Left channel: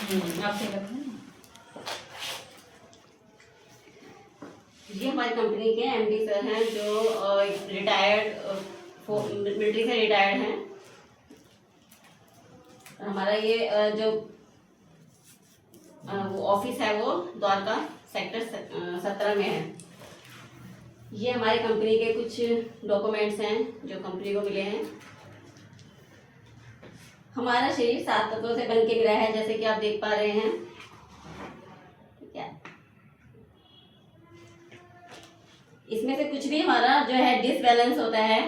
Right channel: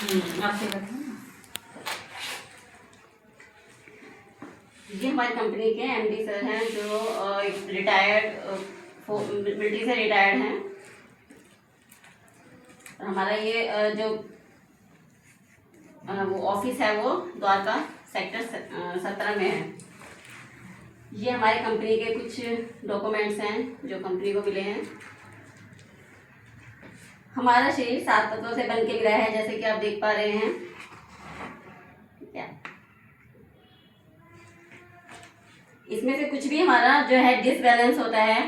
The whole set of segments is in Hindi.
आप सही रखें ना। ये हमारी कंपनी के एमडी सर हैं जो रिटायर्ड मिलिट्री से रिटायर्ड हैं। हमारा ये जो वो ऑफिस है वो द्वारका सेक्टर 17 में है। ये हमारी कंपनी के कुछ डॉक्यूमेंट्स हैं जो कंपनी को मिले हैं। हमारा शरीर 7 तत्वों से बन के गिरा है, जैसे कि आप देख पा रहे हैं। ठीक है, इसमें से कुछ भी हमारा जो है डिसबैलेंस होता है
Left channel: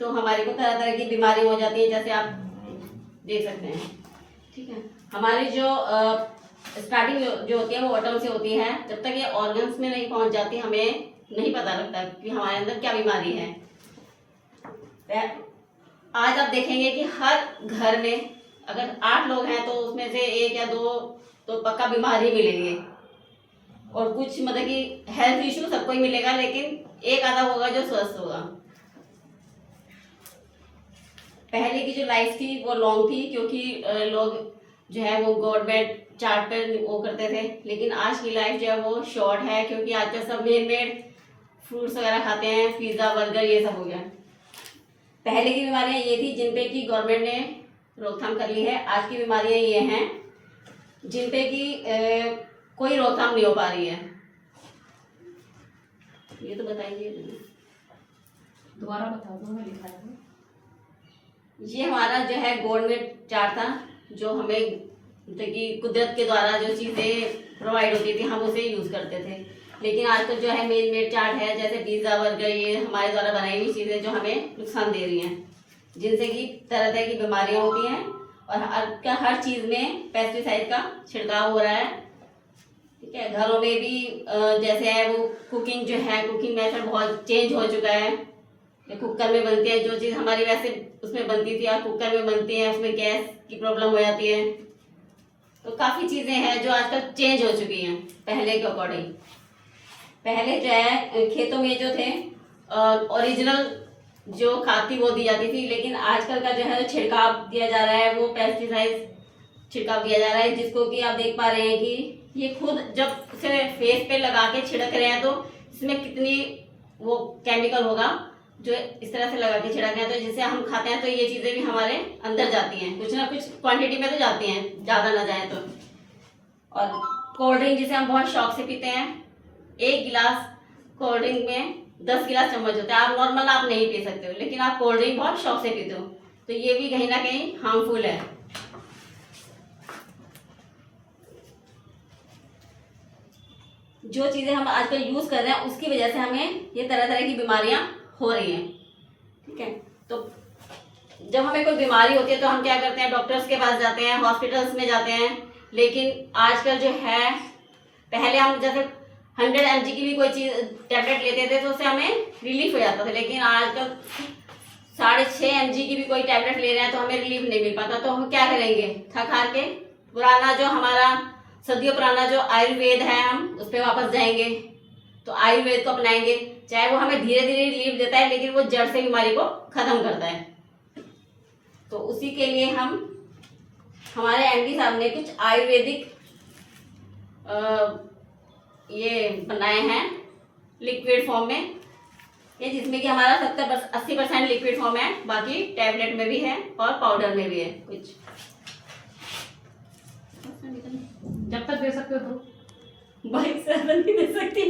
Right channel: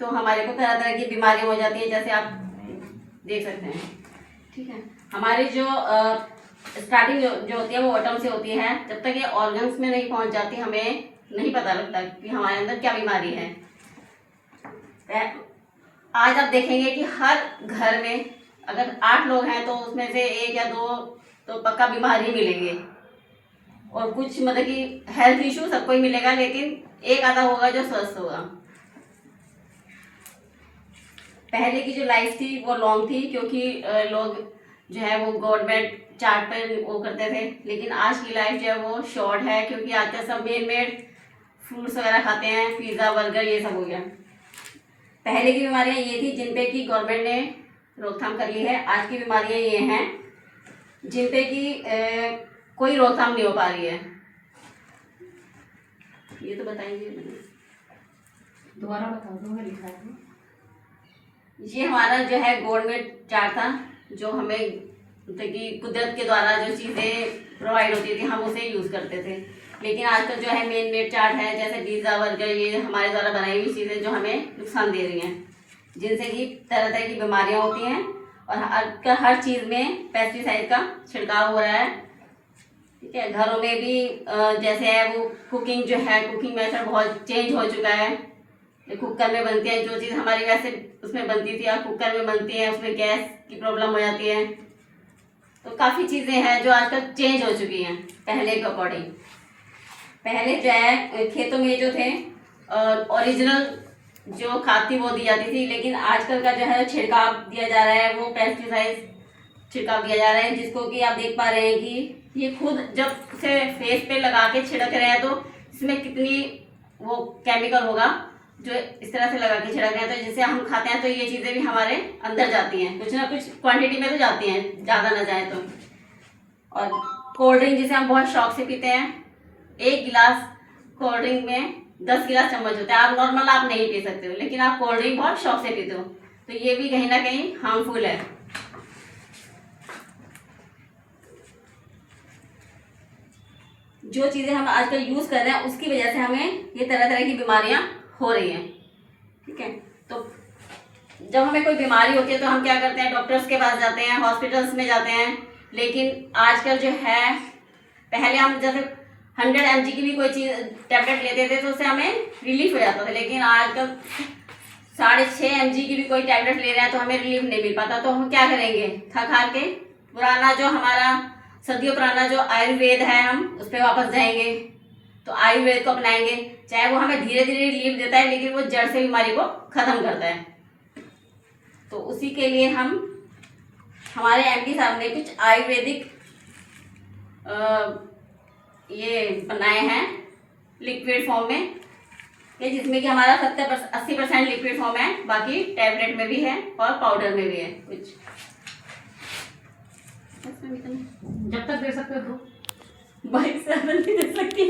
तो हमारे को तरह तरह की बीमारी हो जाती है, जैसे आप देख सकते हैं। ठीक है, हमारी जो स्टार्टिंग जो होती है वो एटम से होती है। जब तक ये ऑर्गन्स में नहीं पहुंच जाती हमें नहीं पता लगता कि हमारे अंदर क्या बीमारी है। आज आप देखेंगे कि हर घर में अगर 8 लोग हैं तो उसमें से 1 या 2 तो पक्का बीमारी मिलेंगे, और कुछ मतलब कि हेल्थ इशू सबको ही मिलेगा, लेकिन एक आधा होगा जो स्वस्थ होगा। पहले की जो लाइफ थी वो लॉन्ग थी, क्योंकि लोग जो है वो गवर्नमेंट चार्ट पर वो करते थे। लेकिन आज की लाइफ जो है वो शॉर्ट है, क्योंकि आजकल सब मेड फ्रूट्स वगैरह खाते हैं, पिज़्ज़ा बर्गर ये सब हो गया। पहले की बीमारियां ये थी जिन पे कि गवर्नमेंट ने रोकथाम कर ली है। आज की बीमारियां ये हैं जिन पे कि कोई रोकथाम नहीं हो पा रही है। ये तो बताइए, दोबारा बता दो, मैं लिखा है। ये हमारा जो है गवर्नमेंट चार्ट था, जो हमें मतलब कि कुदरत के द्वारा जो चीज़ें प्रोवाइड होती थी हम उसे यूज़ करते थे। लेकिन आजकल जो है मेड चार्ट है, जैसे पिज़्ज़ा बर्गर, ये हमारे द्वारा बनाई हुई चीज़ें जो हमें नुकसान दे रही हैं, जिनसे कि तरह तरह की बीमारियां होती हैं। और हर चीज़ में पेस्टिसाइड का छिड़काव हो रहा है। ठीक है, घरों में भी जैसे है वो कुकिंग जो है, कुकिंग मेथड बहुत चेंज हो चुका है। कुकर में बनती है जो चीज़ हमारी वैसे उसमें बनती थी और कुकर में बनती है, उसमें गैस की प्रॉब्लम हो जाती है। तो काफ़ी चीज़ें हैं जो आजकल चेंज हो चुकी हैं पहले के अकॉर्डिंग। पहले जो है खेतों में जो थे ओरिजिनल जो खाद थी वो दी जाती थी, लेकिन आजकल का जो है छिड़काव दिया जा रहा है, वो पेस्टिसाइड छिड़काव दिया जा रहा है, जिसको कि आप देख पा रहे हैं कि ये खुद जब उसे फेस पे लगा के छिड़क रहे हैं तो इसमें कितनी वो केमिकल होगा जो इस तरह से लगा के छिड़क रहे हैं। तो जिसे हम खाते हैं तो ये चीज़ें भी हमारे अंदर जाती हैं, कुछ ना कुछ क्वांटिटी में तो जाती हैं, ज़्यादा ना जाए तो। और कोल्ड ड्रिंक जिसे हम बहुत शौक से पीते हैं, 1 गिलास कोल्ड ड्रिंक में 10 गिलास चम्मच होता है। आप नॉर्मल आप नहीं पी सकते हो, लेकिन आप कोल्ड ड्रिंक बहुत शौक से पीते हो, तो ये भी कहीं ना कहीं हार्मफुल है। जो चीज़ें हम आजकल यूज़ कर रहे हैं उसकी वजह से हमें ये तरह तरह की बीमारियां हो रही हैं। ठीक है, तो जब हमें कोई बीमारी होती है तो हम क्या करते हैं, डॉक्टर्स के पास जाते हैं, हॉस्पिटल्स में जाते हैं। लेकिन आजकल जो है, पहले हम जैसे 100 mg की भी कोई चीज़ टैबलेट लेते थे तो उससे हमें रिलीफ हो जाता था, लेकिन आजकल 6.5 mg की भी कोई टैबलेट ले रहे हैं तो हमें रिलीफ नहीं मिल पाता। तो हम क्या करेंगे, थक हार के पुराना जो हमारा सदियों पुराना जो आयुर्वेद है हम उस पर वापस जाएंगे, तो आयुर्वेद को अपनाएंगे। चाहे वो हमें धीरे धीरे रिलीफ देता है, लेकिन वो जड़ से बीमारी को ख़त्म करता है। तो उसी के लिए हम हमारे एमडी साहब ने कुछ आयुर्वेदिक ये बनाए हैं लिक्विड फॉर्म में, ये जिसमें कि हमारा 70-80% लिक्विड फॉर्म है, बाकी टैबलेट में भी है और पाउडर में भी है कुछ। जब तक दे सकते हो तो भाई 7 नहीं दे सकती।